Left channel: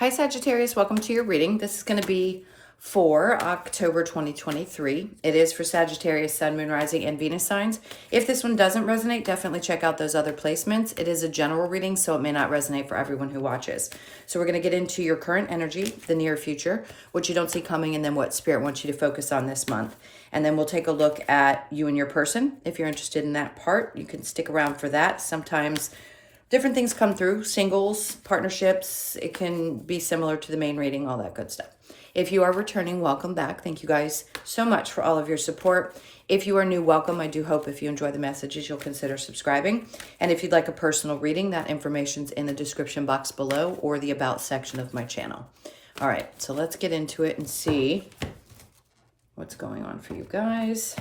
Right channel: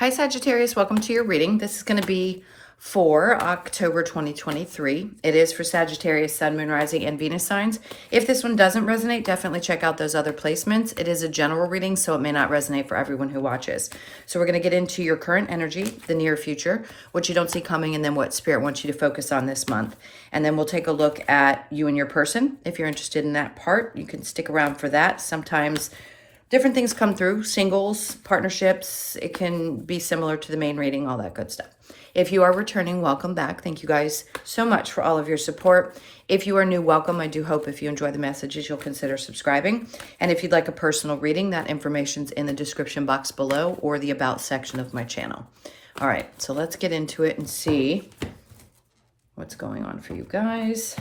Hi Sagittarius, welcome to your reading. This is going to be for October 2023. It is for Sagittarius, Sun, Moon, Rising, and Venus signs. If this one doesn't resonate, definitely check out those other placements. It is a general reading, so it may not resonate for everyone who watches. So we're going to get into your current energy, the near future, what you don't see coming, and then what Spirit wants you to focus on this month. And then we'll take a look at you and your person. If you're interested in that part, you can stick around for that. Sometimes different things come through, singles, partnerships. It can be similar to the main reading, all that good stuff. If you are returning, welcome back. Thank you guys so much for all of your support. If you are new, welcome. I do hope if you enjoy the messages, you'll consider subscribing. And if you'd like a personal reading, that information's in the description box below or the About section of my channel. All right, so let's get into it and see what's going on for you guys.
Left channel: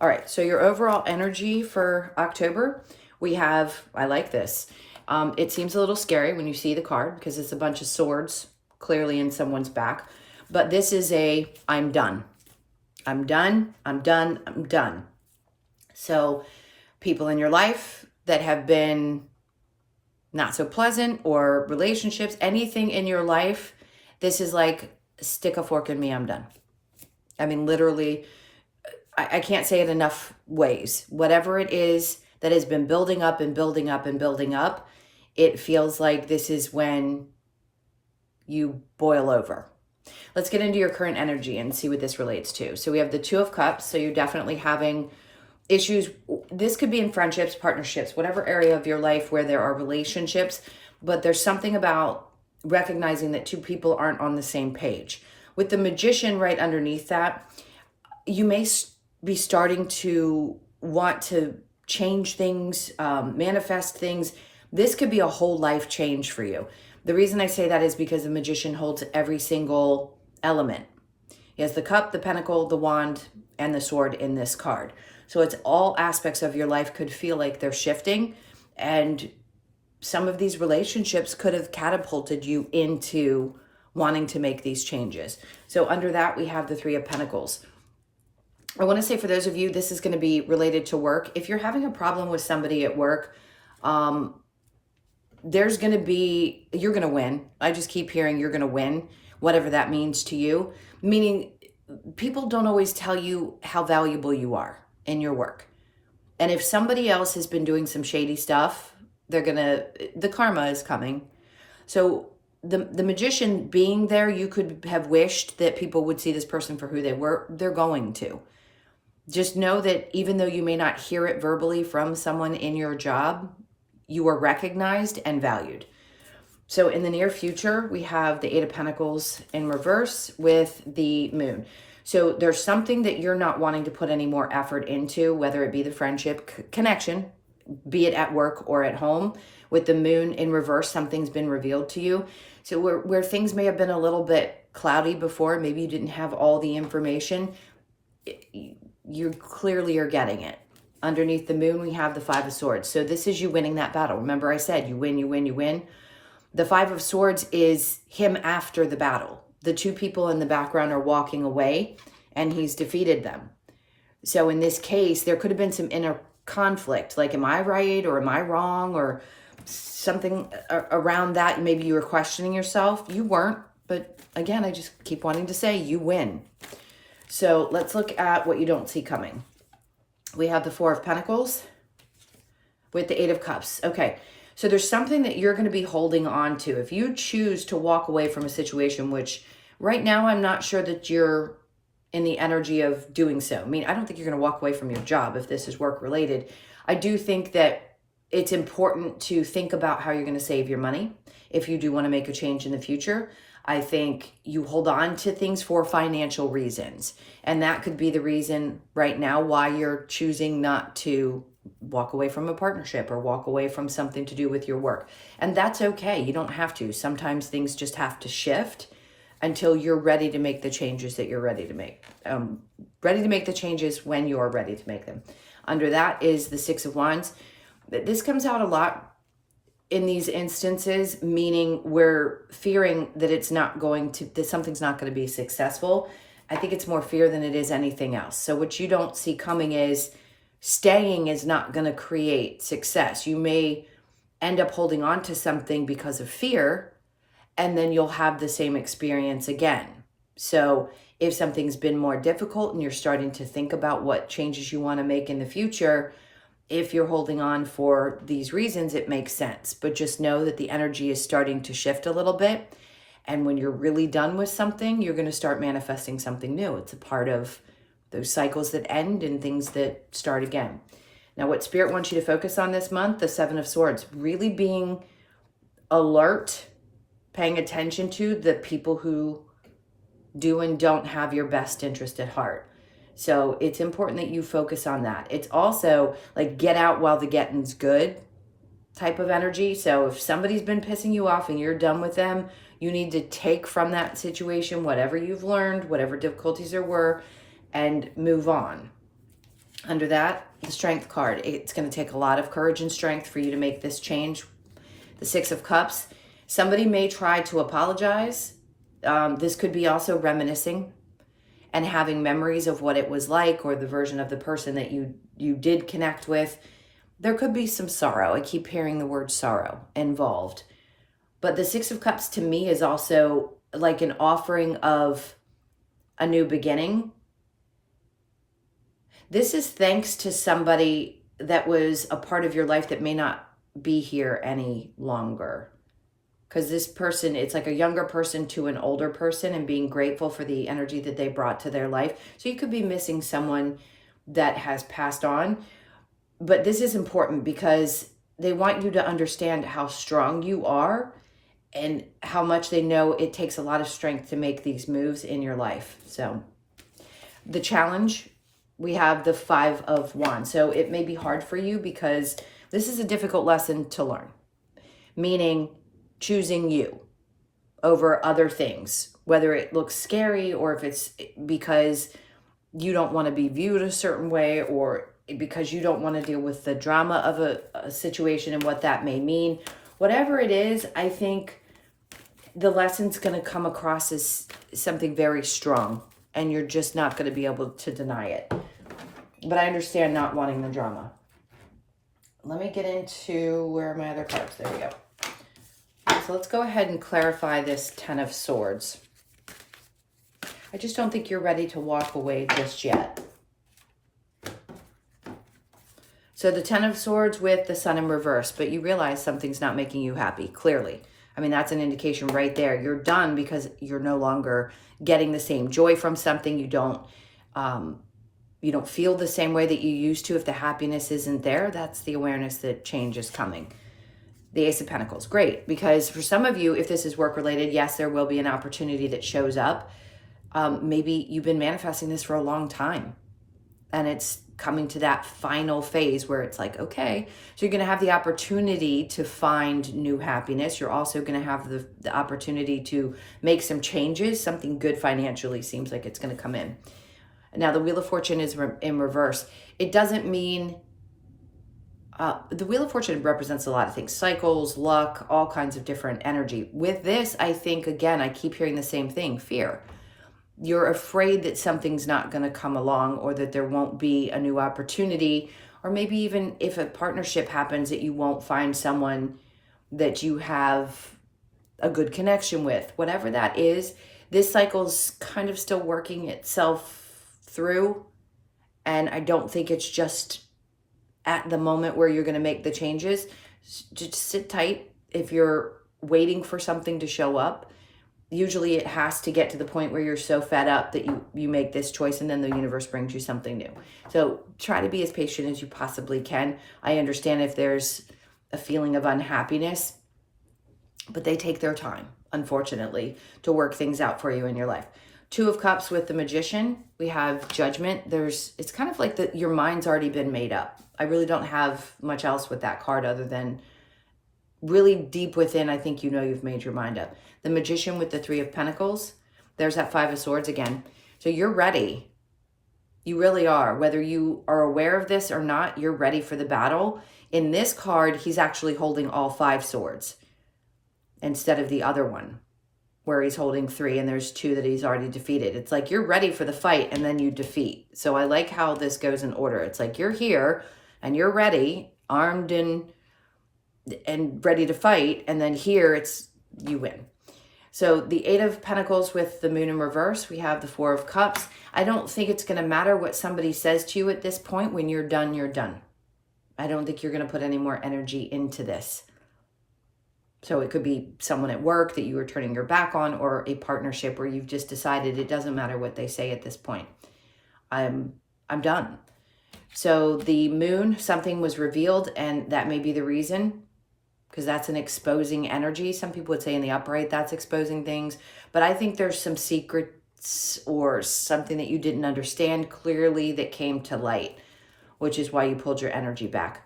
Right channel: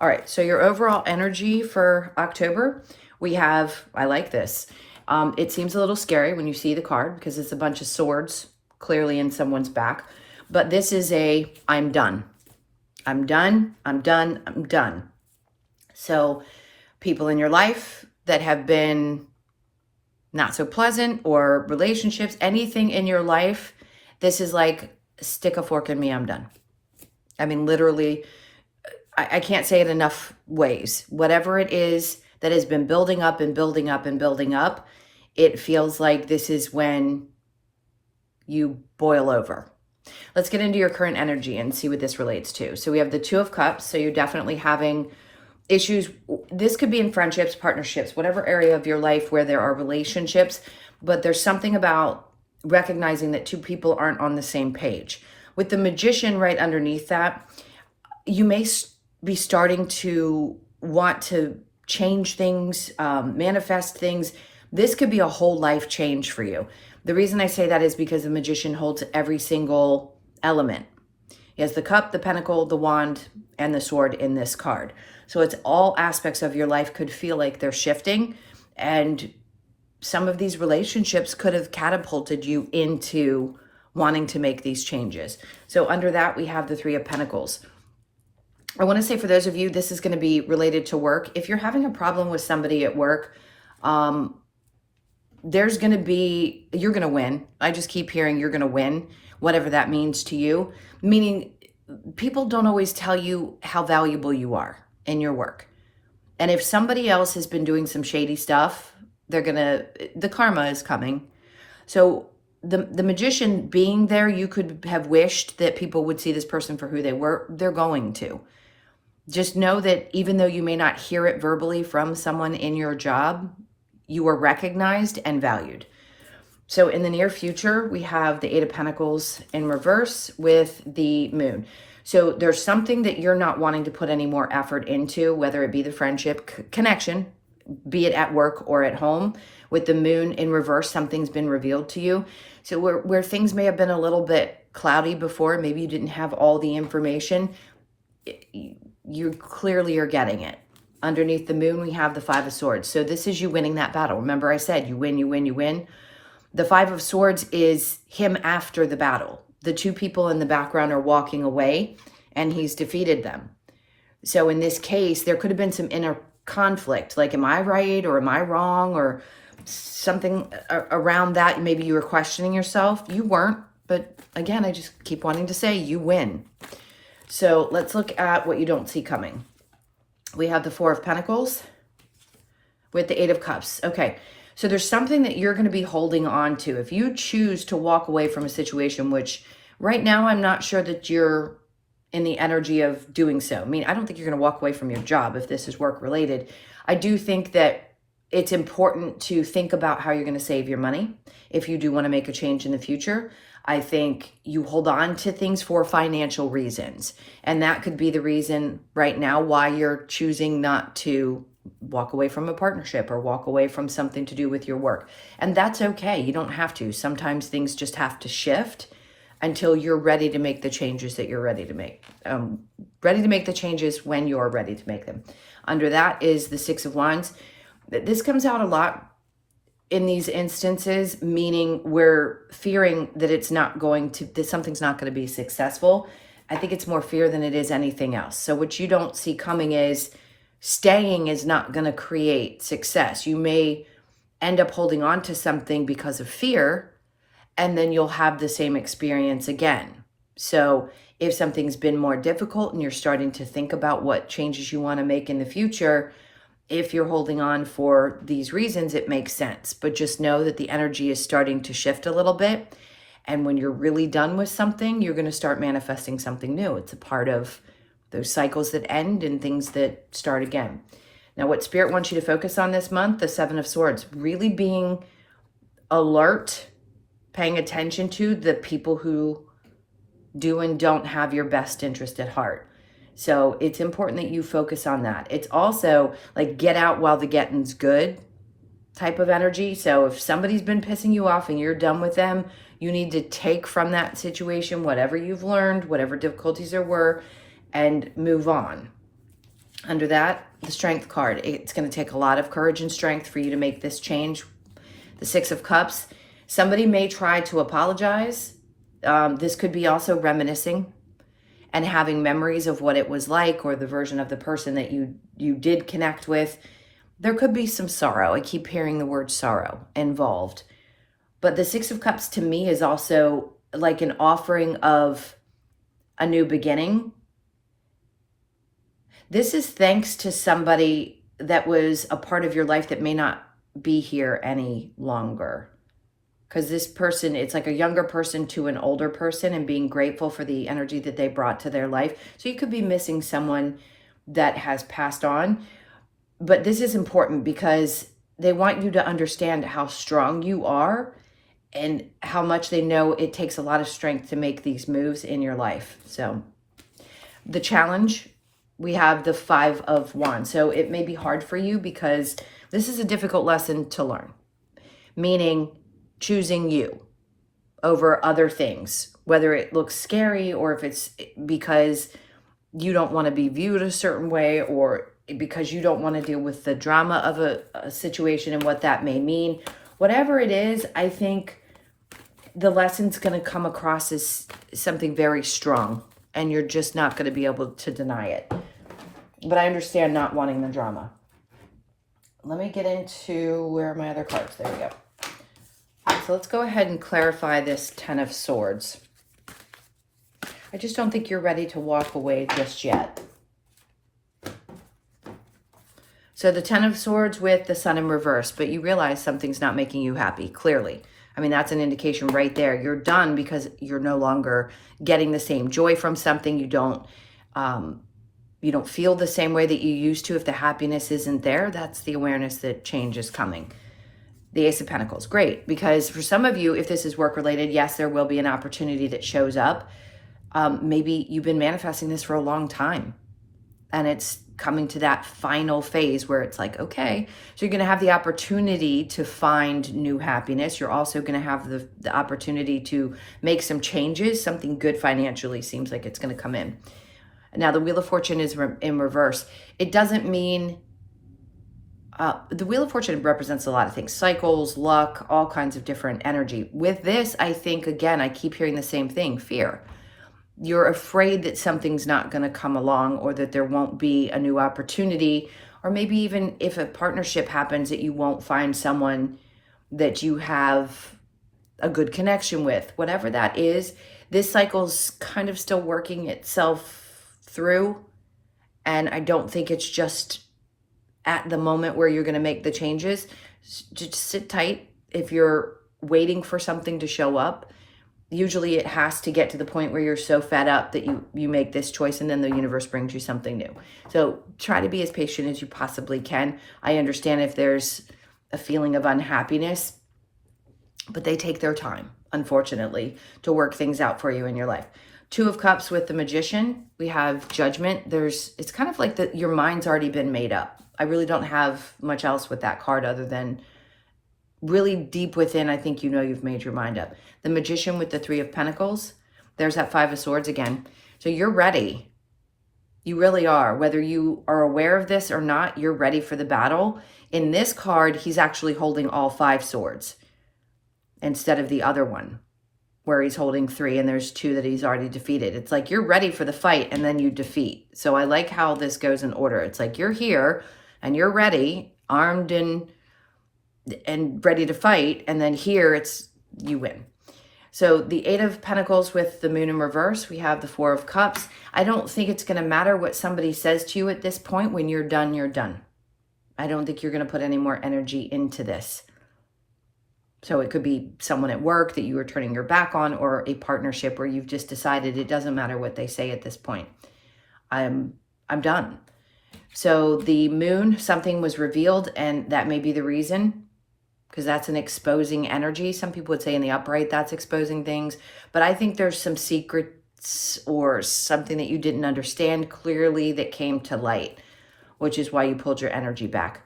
All right, so your overall energy for October, we have, I like this. It seems a little scary when you see the card because it's a bunch of swords clearly in someone's back. But this is a, I'm done. I'm done, I'm done, I'm done. So people in your life that have been not so pleasant, or relationships, anything in your life, this is like, stick a fork in me, I'm done. I mean, literally, I can't say it enough ways. Whatever it is that has been building up and building up and building up, it feels like this is when you boil over. Let's get into your current energy and see what this relates to. So we have the Two of Cups. So you're definitely having issues. This could be in friendships, partnerships, whatever area of your life where there are relationships, but there's something about recognizing that two people aren't on the same page. With the Magician right underneath that, you may be starting to want to change things, manifest things. This could be a whole life change for you. The reason I say that is because the Magician holds every single element. He has the cup, the pentacle, the wand, and the sword in this card. So it's all aspects of your life could feel like they're shifting, and some of these relationships could have catapulted you into wanting to make these changes. So under that, we have the Three of Pentacles. I want to say for those of you, this is going to be related to work. If you're having a problem with somebody at work, there's going to be, you're going to win. I just keep hearing you're going to win, whatever that means to you. Meaning people don't always tell you how valuable you are in your work. And if somebody else has been doing some shady stuff, the karma is coming. So the Magician being there, you could have wished that people would see this person for who they were. They're going to. Just know that even though you may not hear it verbally from someone in your job, you are recognized and valued. So in the near future, we have the Eight of Pentacles in reverse with the Moon. So there's something that you're not wanting to put any more effort into, whether it be the friendship connection, be it at work or at home. With the Moon in reverse, something's been revealed to you. So where things may have been a little bit cloudy before, maybe you didn't have all the information, you clearly are getting it. Underneath the Moon, we have the Five of Swords. So this is you winning that battle. Remember I said you win, you win, you win. The Five of Swords is him after the battle. The two people in the background are walking away and he's defeated them. So in this case, there could have been some inner conflict. Like, am I right or am I wrong, or something around that? Maybe you were questioning yourself. You weren't. But again, I just keep wanting to say you win. So let's look at what you don't see coming. We have the Four of Pentacles with the Eight of Cups. Okay, so there's something that you're going to be holding on to. If you choose to walk away from a situation, which right now I'm not sure that you're in the energy of doing so. I mean, I don't think you're going to walk away from your job if this is work related. I do think that it's important to think about how you're going to save your money if you do want to make a change in the future. I think you hold on to things for financial reasons. And that could be the reason right now why you're choosing not to walk away from a partnership or walk away from something to do with your work. And that's okay. You don't have to. Sometimes things just have to shift until you're ready to make the changes that you're ready to make. Ready to make the changes when you're ready to make them. Under that is the Six of Wands. This comes out a lot in these instances, meaning we're fearing that that something's not going to be successful. I think it's more fear than it is anything else. So what you don't see coming is staying is not going to create success. You may end up holding on to something because of fear, and then you'll have the same experience again. So if something's been more difficult and you're starting to think about what changes you want to make in the future, if you're holding on for these reasons, it makes sense. But just know that the energy is starting to shift a little bit. And when you're really done with something, you're going to start manifesting something new. It's a part of those cycles that end and things that start again. Now, what Spirit wants you to focus on this month, the Seven of Swords, really being alert, paying attention to the people who do and don't have your best interest at heart. So it's important that you focus on that. It's also like get out while the getting's good type of energy. So if somebody's been pissing you off and you're done with them, you need to take from that situation whatever you've learned, whatever difficulties there were, and move on. Under that, the Strength card. It's going to take a lot of courage and strength for you to make this change. The Six of Cups. Somebody may try to apologize. This could be also reminiscing and having memories of what it was like, or the version of the person that you did connect with. There could be some sorrow. I keep hearing the word sorrow involved. But the Six of Cups to me is also like an offering of a new beginning. This is thanks to somebody that was a part of your life that may not be here any longer. Because this person, it's like a younger person to an older person, and being grateful for the energy that they brought to their life. So you could be missing someone that has passed on. But this is important because they want you to understand how strong you are and how much they know it takes a lot of strength to make these moves in your life. So the challenge, we have the Five of Wands. So it may be hard for you because this is a difficult lesson to learn, meaning choosing you over other things, whether it looks scary or if it's because you don't want to be viewed a certain way, or because you don't want to deal with the drama of a situation and what that may mean. Whatever it is, I think the lesson's going to come across as something very strong, and you're just not going to be able to deny it. But I understand not wanting the drama. Let me get into, where are my other cards? There we go. So let's go ahead and clarify this Ten of Swords. I just don't think you're ready to walk away just yet. So the Ten of Swords with the Sun in reverse, but you realize something's not making you happy, clearly. I mean, that's an indication right there. You're done because you're no longer getting the same joy from something. You don't feel the same way that you used to. If the happiness isn't there, that's the awareness that change is coming. The Ace of Pentacles, great, because for some of you, if this is work-related, yes, there will be an opportunity that shows up. Maybe you've been manifesting this for a long time, and it's coming to that final phase where it's like, okay, so you're going to have the opportunity to find new happiness. You're also going to have the opportunity to make some changes. Something good financially seems like it's going to come in. Now, the Wheel of Fortune is in reverse. It doesn't mean... the Wheel of Fortune represents a lot of things, cycles, luck, all kinds of different energy. With this, I think, again, I keep hearing the same thing, fear. You're afraid that something's not going to come along, or that there won't be a new opportunity, or maybe even if a partnership happens that you won't find someone that you have a good connection with. Whatever that is, this cycle's kind of still working itself through, and I don't think it's just at the moment where you're going to make the changes. Just sit tight. If you're waiting for something to show up, usually it has to get to the point where you're so fed up that you make this choice, and then the universe brings you something new. So try to be as patient as you possibly can. I understand if there's a feeling of unhappiness, but they take their time, unfortunately, to work things out for you in your life. Two of Cups with the Magician. We have Judgment. It's kind of like your mind's already been made up. I really don't have much else with that card other than really deep within, I think you've made your mind up. The Magician with the Three of Pentacles. There's that Five of Swords again. So you're ready. You really are. Whether you are aware of this or not, you're ready for the battle. In this card, he's actually holding all 5 swords instead of the other one where he's holding 3 and there's 2 that he's already defeated. It's like you're ready for the fight and then you defeat. So I like how this goes in order. It's like you're here and you're ready, armed and ready to fight, and then here it's you win. So the Eight of Pentacles with the Moon in reverse, we have the Four of Cups. I don't think it's going to matter what somebody says to you at this point. When you're done, you're done. I don't think you're going to put any more energy into this. So it could be someone at work that you were turning your back on, or a partnership where you've just decided it doesn't matter what they say at this point. I'm done. So the moon, something was revealed, and that may be the reason, because that's an exposing energy. Some people would say in the upright, that's exposing things. But I think there's some secrets or something that you didn't understand clearly that came to light, which is why you pulled your energy back.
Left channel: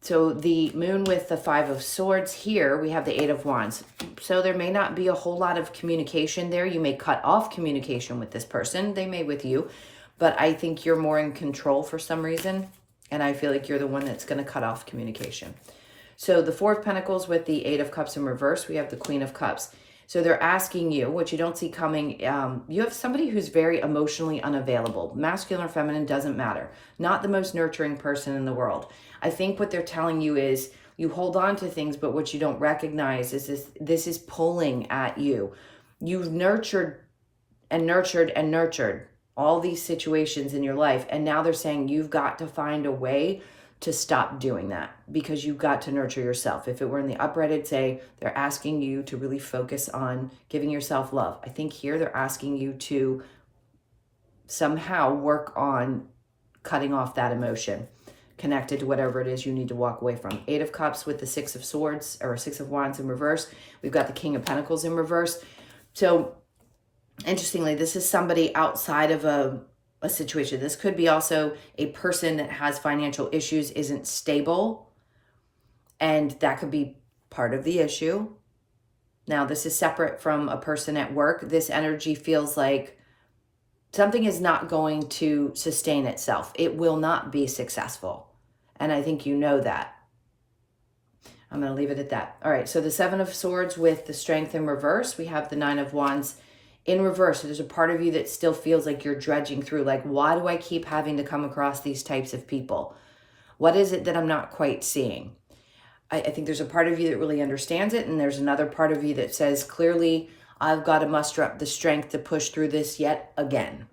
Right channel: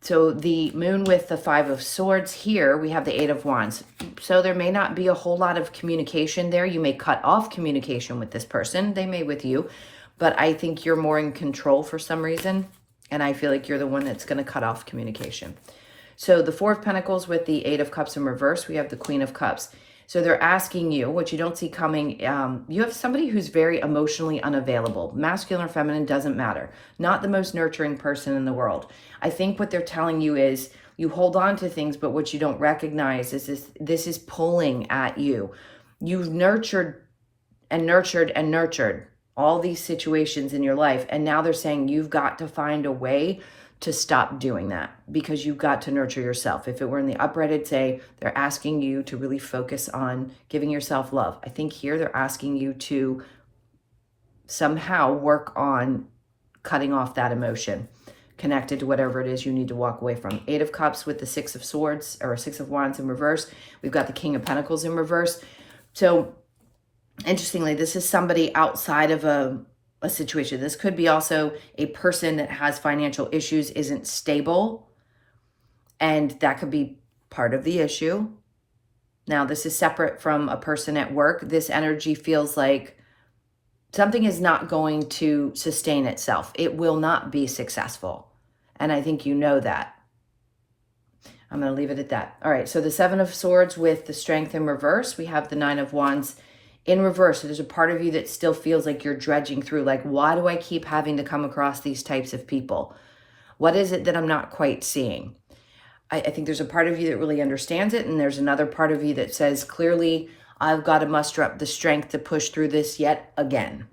So the moon with the Five of Swords here, we have the Eight of Wands. So there may not be a whole lot of communication there. You may cut off communication with this person. They may with you. But I think you're more in control for some reason. And I feel like you're the one that's going to cut off communication. So the Four of Pentacles with the Eight of Cups in reverse, we have the Queen of Cups. So they're asking you, what you don't see coming, you have somebody who's very emotionally unavailable. Masculine or feminine, doesn't matter. Not the most nurturing person in the world. I think what they're telling you is you hold on to things, but what you don't recognize is this is pulling at you. You've nurtured and nurtured and nurtured all these situations in your life, and now they're saying you've got to find a way to stop doing that, because you've got to nurture yourself. If it were in the upright, I'd say they're asking you to really focus on giving yourself love. I think here they're asking you to somehow work on cutting off that emotion connected to whatever it is you need to walk away from. Eight of Cups with the Six of Swords, or Six of Wands in reverse. We've got the King of Pentacles in reverse. So interestingly, this is somebody outside of a situation. This could be also a person that has financial issues, isn't stable, and that could be part of the issue. Now, this is separate from a person at work. This energy feels like something is not going to sustain itself. It will not be successful. And I think you know that. I'm going to leave it at that. All right, so the Seven of Swords with the Strength in reverse. We have the Nine of Wands in reverse. So there's a part of you that still feels like you're dredging through, like, why do I keep having to come across these types of people? What is it that I'm not quite seeing? I think there's a part of you that really understands it, and there's another part of you that says, clearly, I've got to muster up the strength to push through this yet again.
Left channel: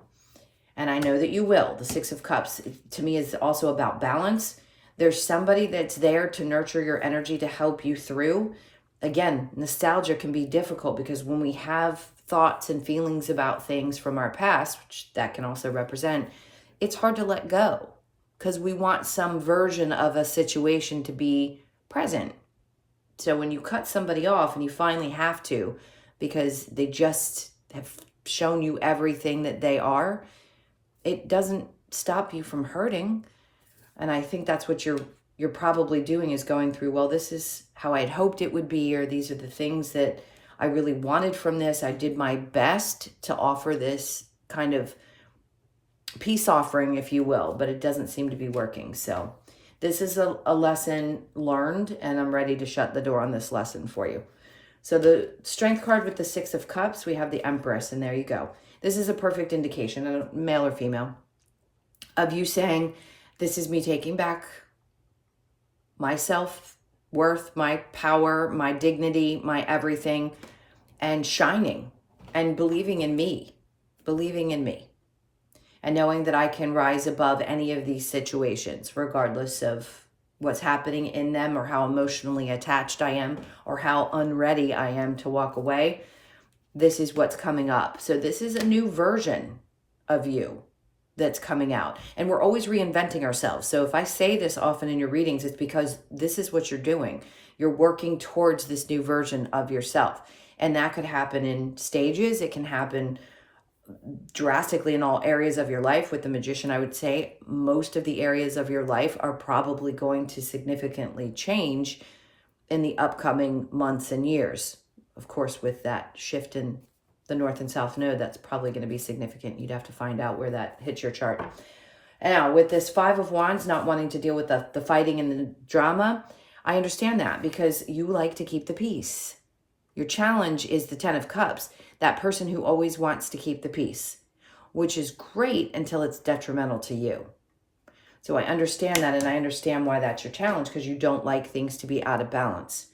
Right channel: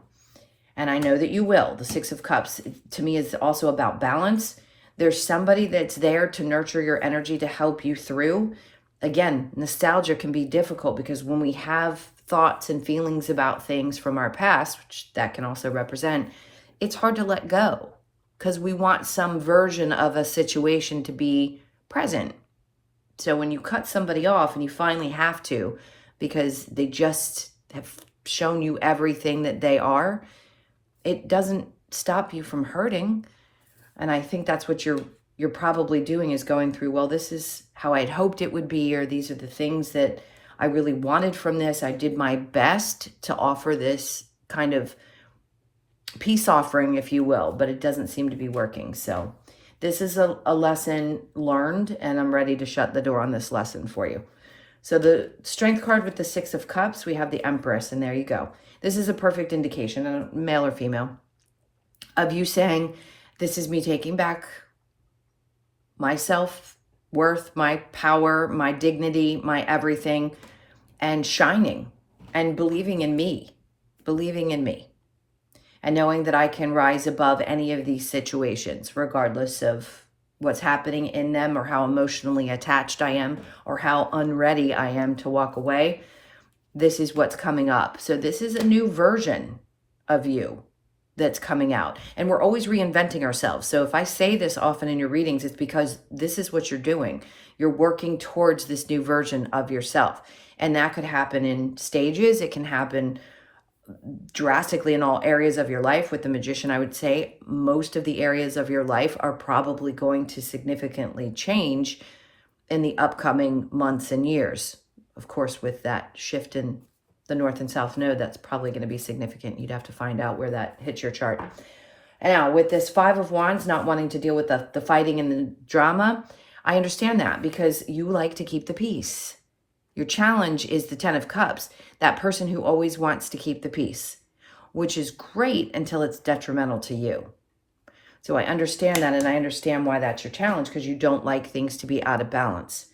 And I know that you will. The Six of Cups, to me, is also about balance. There's somebody that's there to nurture your energy, to help you through. Again, nostalgia can be difficult, because when we have thoughts and feelings about things from our past, which that can also represent, it's hard to let go, because we want some version of a situation to be present. So when you cut somebody off, and you finally have to, because they just have shown you everything that they are, it doesn't stop you from hurting. And I think that's what you're probably doing, is going through, well, this is how I'd hoped it would be, or these are the things that I really wanted from this. I did my best to offer this kind of peace offering, if you will, but it doesn't seem to be working. So this is a lesson learned, and I'm ready to shut the door on this lesson for you. So the Strength card with the Six of Cups, we have the Empress, and there you go. This is a perfect indication, male or female, of you saying, this is me taking back my self-worth, my power, my dignity, my everything, and shining and believing in me, and knowing that I can rise above any of these situations, regardless of what's happening in them, or how emotionally attached I am, or how unready I am to walk away. This is what's coming up. So this is a new version of you that's coming out. And we're always reinventing ourselves. So if I say this often in your readings, it's because this is what you're doing. You're working towards this new version of yourself. And that could happen in stages. It can happen drastically in all areas of your life. With the Magician, I would say most of the areas of your life are probably going to significantly change in the upcoming months and years. Of course, with that shift in the North and South Node, that's probably going to be significant. You'd have to find out where that hits your chart. And now, with this Five of Wands, not wanting to deal with the fighting and the drama, I understand that, because you like to keep the peace. Your challenge is the Ten of Cups, that person who always wants to keep the peace, which is great until it's detrimental to you. So I understand that, and I understand why that's your challenge, because you don't like things to be out of balance.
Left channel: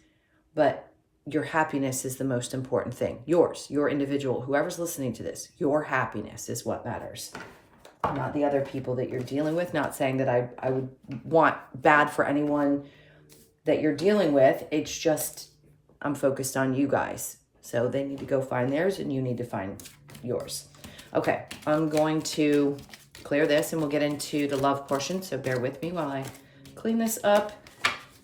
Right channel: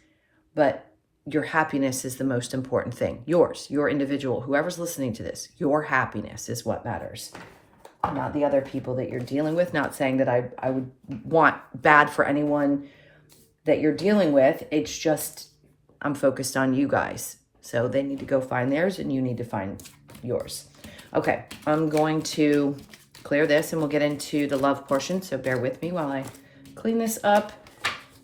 But your happiness is the most important thing. Yours, your individual, whoever's listening to this, your happiness is what matters. Not the other people that you're dealing with. Not saying that I would want bad for anyone that you're dealing with. It's just, I'm focused on you guys. So they need to go find theirs and you need to find yours. Okay, I'm going to clear this and we'll get into the love portion. So bear with me while I clean this up.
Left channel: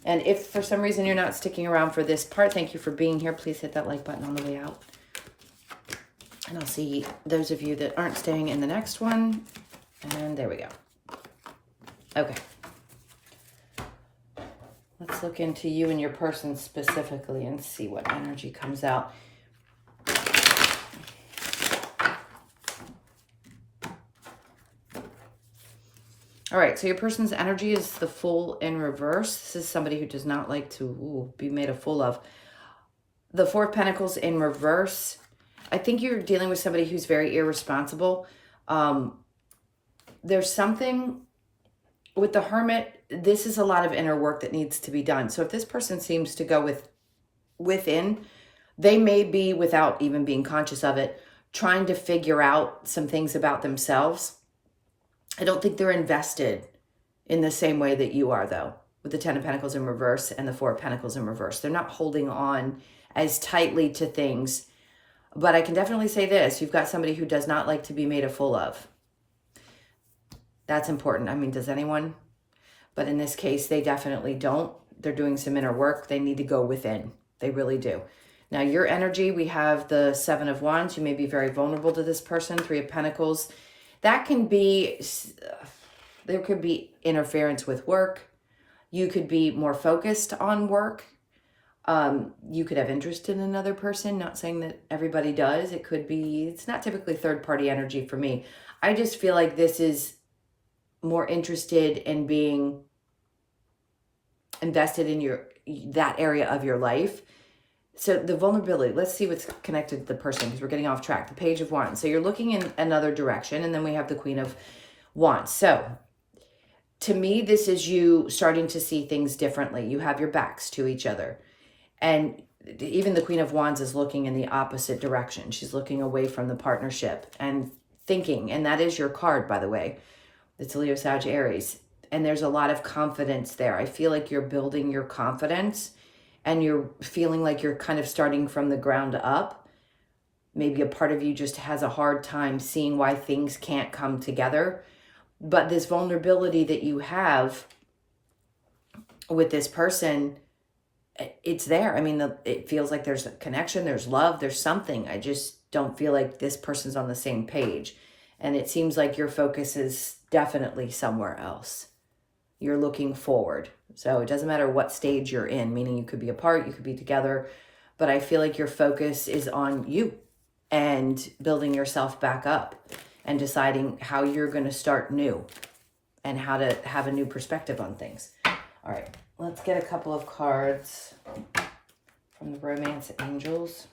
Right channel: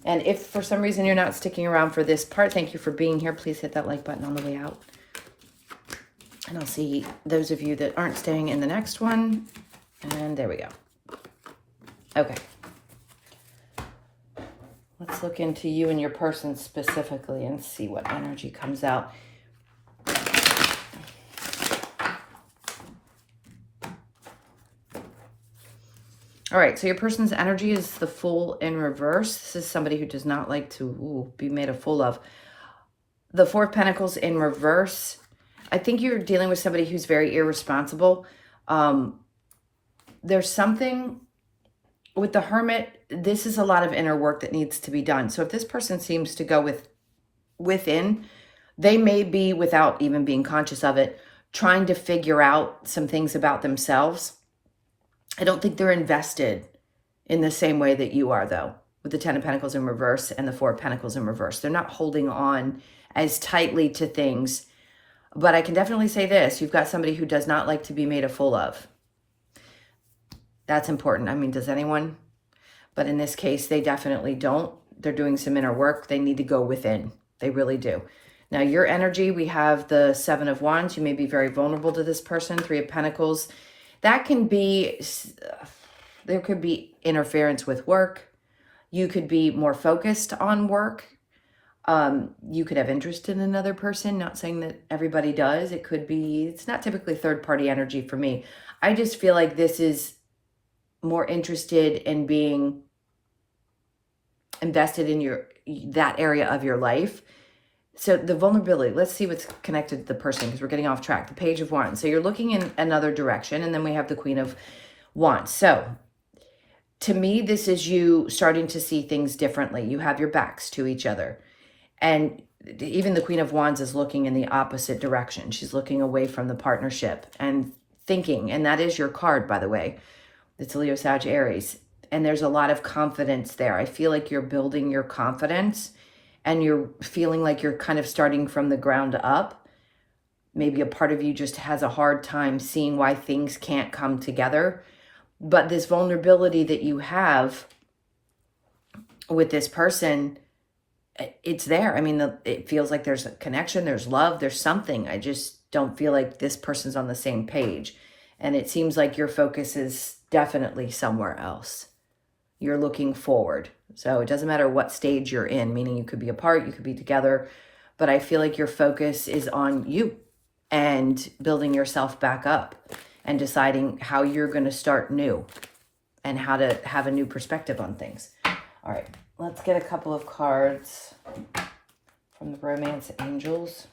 And if for some reason you're not sticking around for this part, thank you for being here. Please hit that like button on the way out. And I'll see those of you that aren't staying in the next one. And there we go. Okay. Let's look into you and your person specifically and see what energy comes out. All right, so your person's energy is the Fool in reverse. This is somebody who does not like to be made a fool of. The Four of Pentacles in reverse. I think you're dealing with somebody who's very irresponsible. There's something with the Hermit. This is a lot of inner work that needs to be done. So if this person seems to go within, they may be, without even being conscious of it, trying to figure out some things about themselves. I don't think they're invested in the same way that you are, though, with the Ten of Pentacles in reverse and the Four of Pentacles in reverse. They're not holding on as tightly to things. But I can definitely say this. You've got somebody who does not like to be made a fool of. That's important. I mean, does anyone? But in this case, they definitely don't. They're doing some inner work. They need to go within. They really do. Now, your energy, we have the Seven of Wands. You may be very vulnerable to this person. Three of Pentacles. That can be, there could be interference with work. You could be more focused on work. You could have interest in another person. Not saying that everybody does. It could be, it's not typically third-party energy for me. I just feel like this is more interested in being invested in that area of your life. So the vulnerability, let's see what's connected to the person because we're getting off track. The Page of Wands. So you're looking in another direction, and then we have the Queen of Wands. So to me, this is you starting to see things differently. You have your backs to each other. And even the Queen of Wands is looking in the opposite direction. She's looking away from the partnership and thinking, and that is your card, by the way. It's Leo, Sag, Aries. And there's a lot of confidence there. I feel like you're building your confidence and you're feeling like you're kind of starting from the ground up. Maybe a part of you just has a hard time seeing why things can't come together. But this vulnerability that you have with this person, it's there. I mean, it feels like there's a connection, there's love, there's something. I just don't feel like this person's on the same page. And it seems like your focus is definitely somewhere else. You're looking forward. So it doesn't matter what stage you're in, meaning you could be apart, you could be together, but I feel like your focus is on you and building yourself back up and deciding how you're going to start new and how to have a new perspective on things. All right, let's get a couple of cards from the Romance Angels.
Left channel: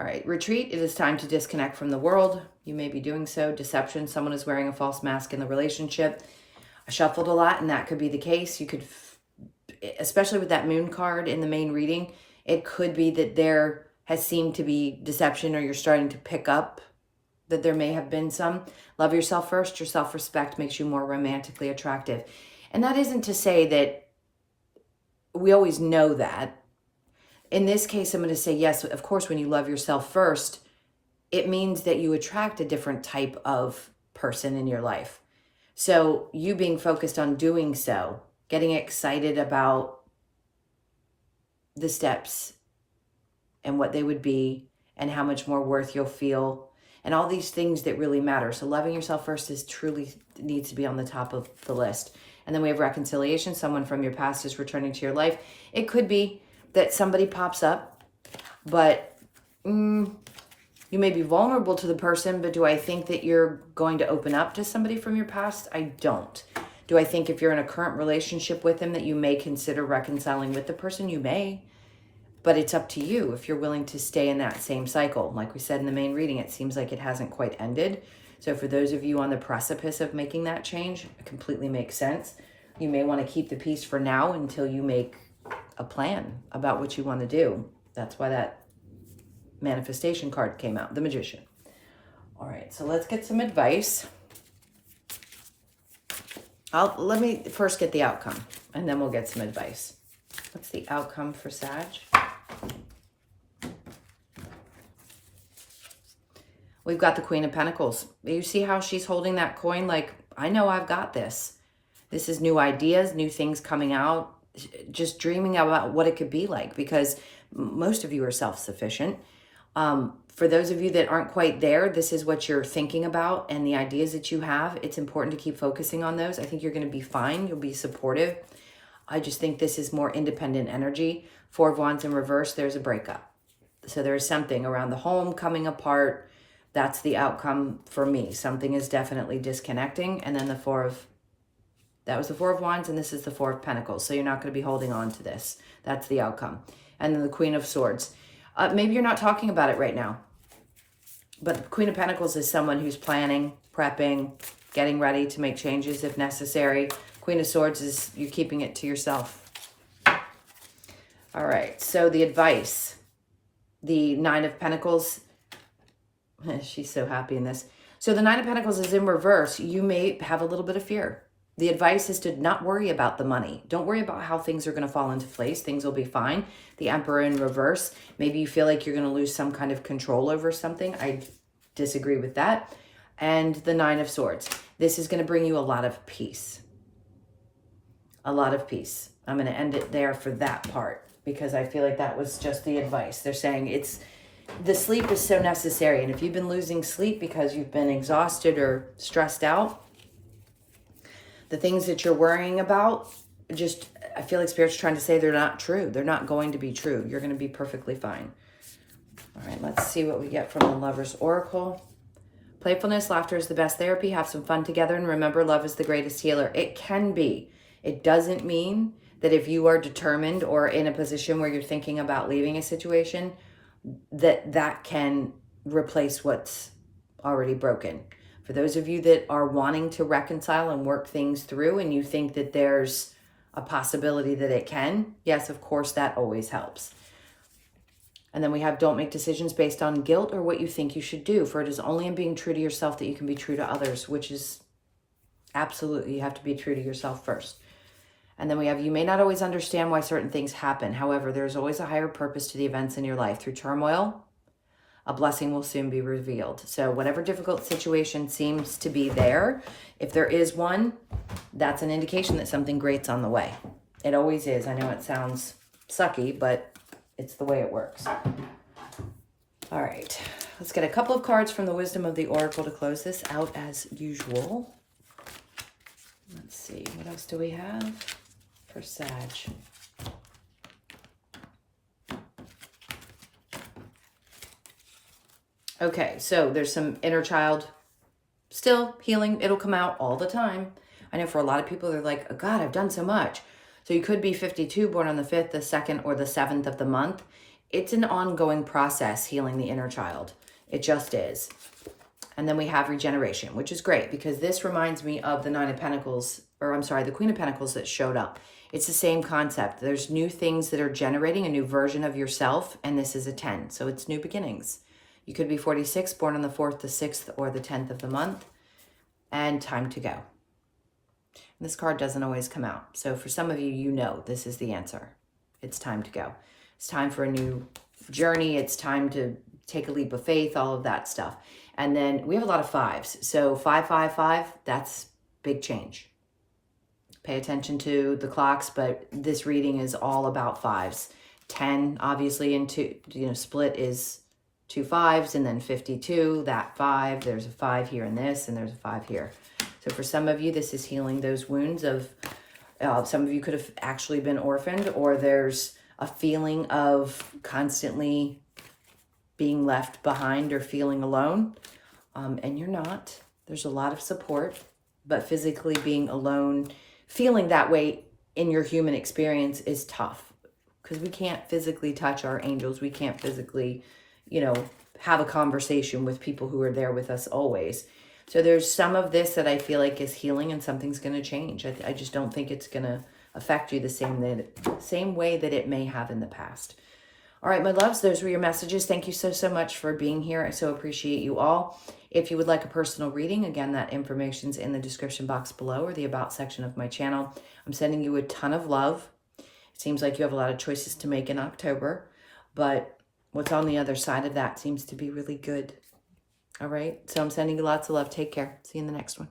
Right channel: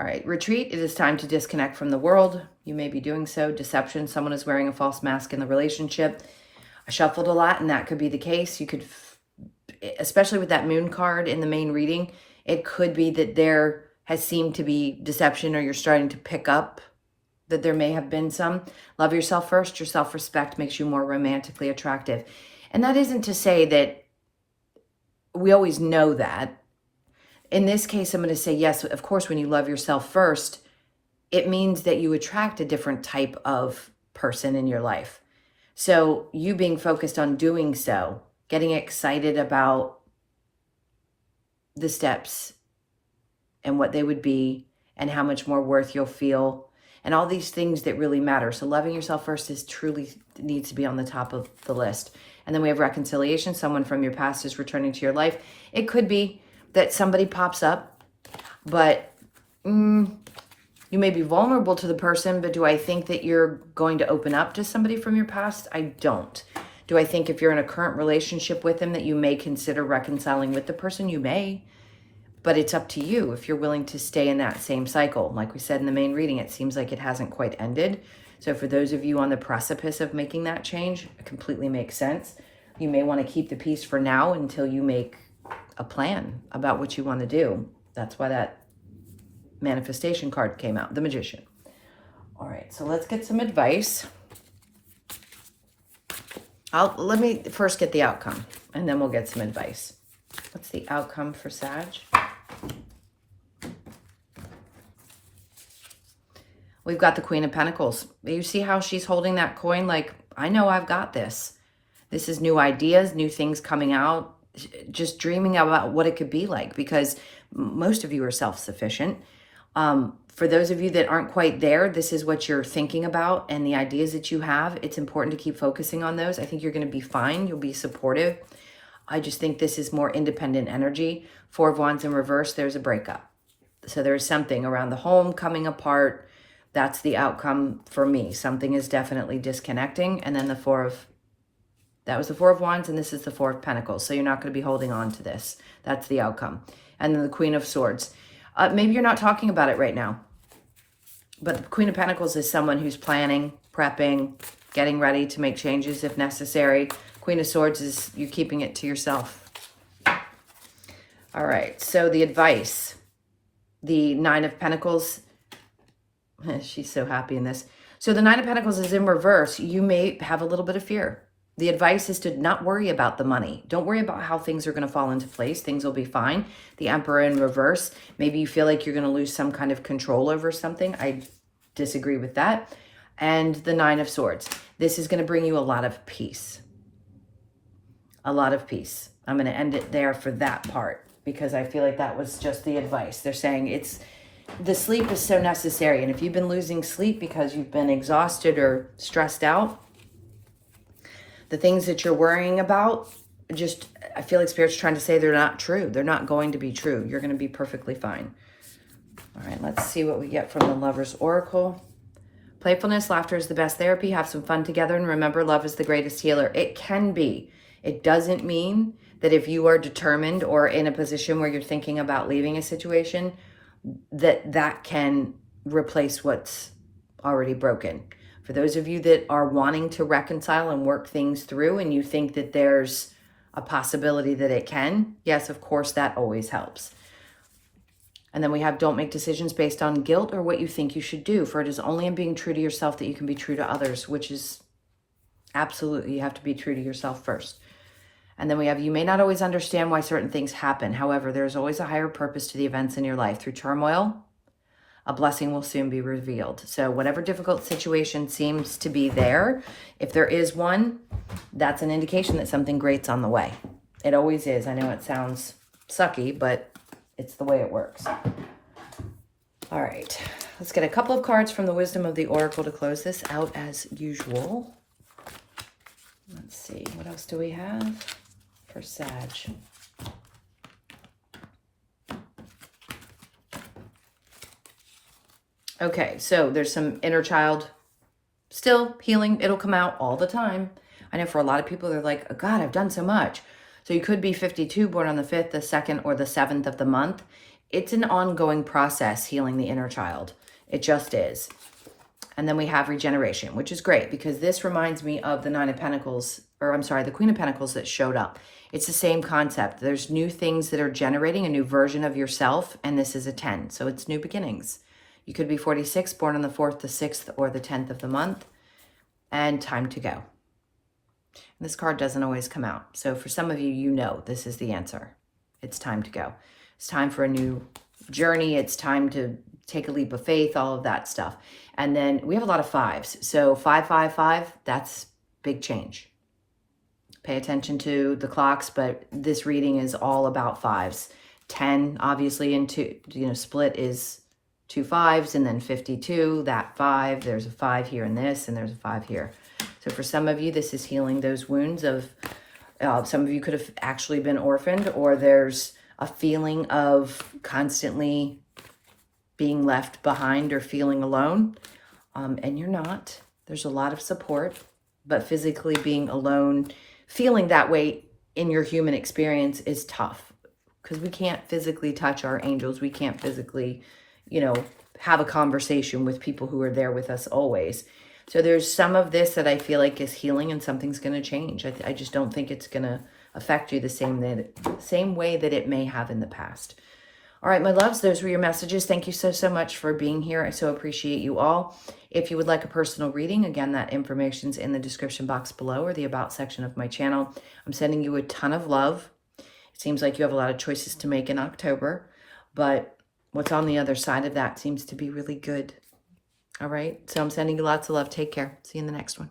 All right, retreat. It is time to disconnect from the world. You may be doing so. Deception. Someone is wearing a false mask in the relationship. I shuffled a lot, and that could be the case. You could, especially with that moon card in the main reading, it could be that there has seemed to be deception, or you're starting to pick up that there may have been some. Love yourself first. Your self-respect makes you more romantically attractive. And that isn't to say that we always know that. In this case, I'm going to say, yes, of course, when you love yourself first, it means that you attract a different type of person in your life. So you being focused on doing so, getting excited about the steps and what they would be and how much more worth you'll feel and all these things that really matter. So loving yourself first is truly needs to be on the top of the list. And then we have reconciliation. Someone from your past is returning to your life. It could be that somebody pops up, but you may be vulnerable to the person, but do I think that you're going to open up to somebody from your past? I don't. Do I think if you're in a current relationship with them that you may consider reconciling with the person? You may, but it's up to you if you're willing to stay in that same cycle. Like we said in the main reading, it seems like it hasn't quite ended. So for those of you on the precipice of making that change, it completely makes sense. You may want to keep the peace for now until you make a plan about what you want to do. That's why that manifestation card came out, the Magician. All right, so let's get some advice. Let me first get the outcome, and then we'll get some advice. What's the outcome for Sag? We've got the Queen of Pentacles. You see how she's holding that coin like, I know I've got this. This is new ideas, new things coming out, just dreaming about what it could be like, because most of you are self-sufficient. For those of you that aren't quite there, this is what you're thinking about and the ideas that you have. It's important to keep focusing on those. I think you're going to be fine. You'll be supportive. I just think this is more independent energy. Four of Wands in reverse, there's a breakup. So there's something around the home coming apart. That's the outcome for me. Something is definitely disconnecting. And then that was the Four of Wands, and this is the Four of Pentacles. So you're not going to be holding on to this. That's the outcome. And then the Queen of Swords. Maybe you're not talking about it right now. But the Queen of Pentacles is someone who's planning, prepping, getting ready to make changes if necessary. Queen of Swords is you keeping it to yourself. All right, so the advice. The Nine of Pentacles. She's so happy in this. So the Nine of Pentacles is in reverse. You may have a little bit of fear. The advice is to not worry about the money. Don't worry about how things are going to fall into place. Things will be fine. The Emperor in reverse. Maybe you feel like you're going to lose some kind of control over something. I disagree with that. And the Nine of Swords. This is going to bring you a lot of peace. A lot of peace. I'm going to end it there for that part because I feel like that was just the advice. They're saying the sleep is so necessary. And if you've been losing sleep because you've been exhausted or stressed out, the things that you're worrying about, I feel like Spirit's trying to say they're not true. They're not going to be true. You're going to be perfectly fine. All right, let's see what we get from the Lover's Oracle. Playfulness, laughter is the best therapy. Have some fun together. And remember, love is the greatest healer. It can be. It doesn't mean that if you are determined or in a position where you're thinking about leaving a situation, that can replace what's already broken. For those of you that are wanting to reconcile and work things through and you think that there's a possibility that it can, yes, of course, that always helps. And then we have don't make decisions based on guilt or what you think you should do, for it is only in being true to yourself that you can be true to others, which is absolutely, you have to be true to yourself first. And then we have, you may not always understand why certain things happen. However, there's always a higher purpose to the events in your life. Through turmoil, a blessing will soon be revealed. So whatever difficult situation seems to be there, if there is one, that's an indication that something great's on the way. It always is. I know it sounds sucky, but it's the way it works. All right, let's get a couple of cards from the Wisdom of the Oracle to close this out as usual. Let's see, what else do we have for Sag? Okay, so there's some inner child still healing. It'll come out all the time. I know for a lot of people, they're like, oh God, I've done so much. So you could be 52, born on the 5th, the 2nd, or the 7th of the month. It's an ongoing process healing the inner child. It just is. And then we have regeneration, which is great because this reminds me of the Nine of Pentacles, or I'm sorry, the Queen of Pentacles that showed up. It's the same concept. There's new things that are generating a new version of yourself, and this is a 10. So it's new beginnings. You could be 46, born on the 4th, the 6th, or the 10th of the month, and time to go. And this card doesn't always come out. So for some of you, you know this is the answer. It's time to go. It's time for a new journey. It's time to take a leap of faith, all of that stuff. And then we have a lot of 5s. So 555, that's big change. Pay attention to the clocks, but this reading is all about 5s. 10, obviously, into, split is 2 5s, and then 52, that 5. There's a 5 here in this, and there's a 5 here. So for some of you, this is healing those wounds of, some of you could have actually been orphaned, or there's a feeling of constantly being left behind or feeling alone, and you're not. There's a lot of support, but physically being alone, feeling that way in your human experience is tough because we can't physically touch our angels. We can't physically, have a conversation with people who are there with us always. So there's some of this that I feel like is healing and something's going to change. I just don't think it's going to affect you the same way that it may have in the past. All right, my loves, those were your messages. Thank you so much for being here. I so appreciate you all. If you would like a personal reading, again, that information's in the description box below or the about section of my channel. I'm sending you a ton of love. It seems like you have a lot of choices to make in October, but what's on the other side of that seems to be really good. All right, so I'm sending you lots of love. Take care. See you in the next one.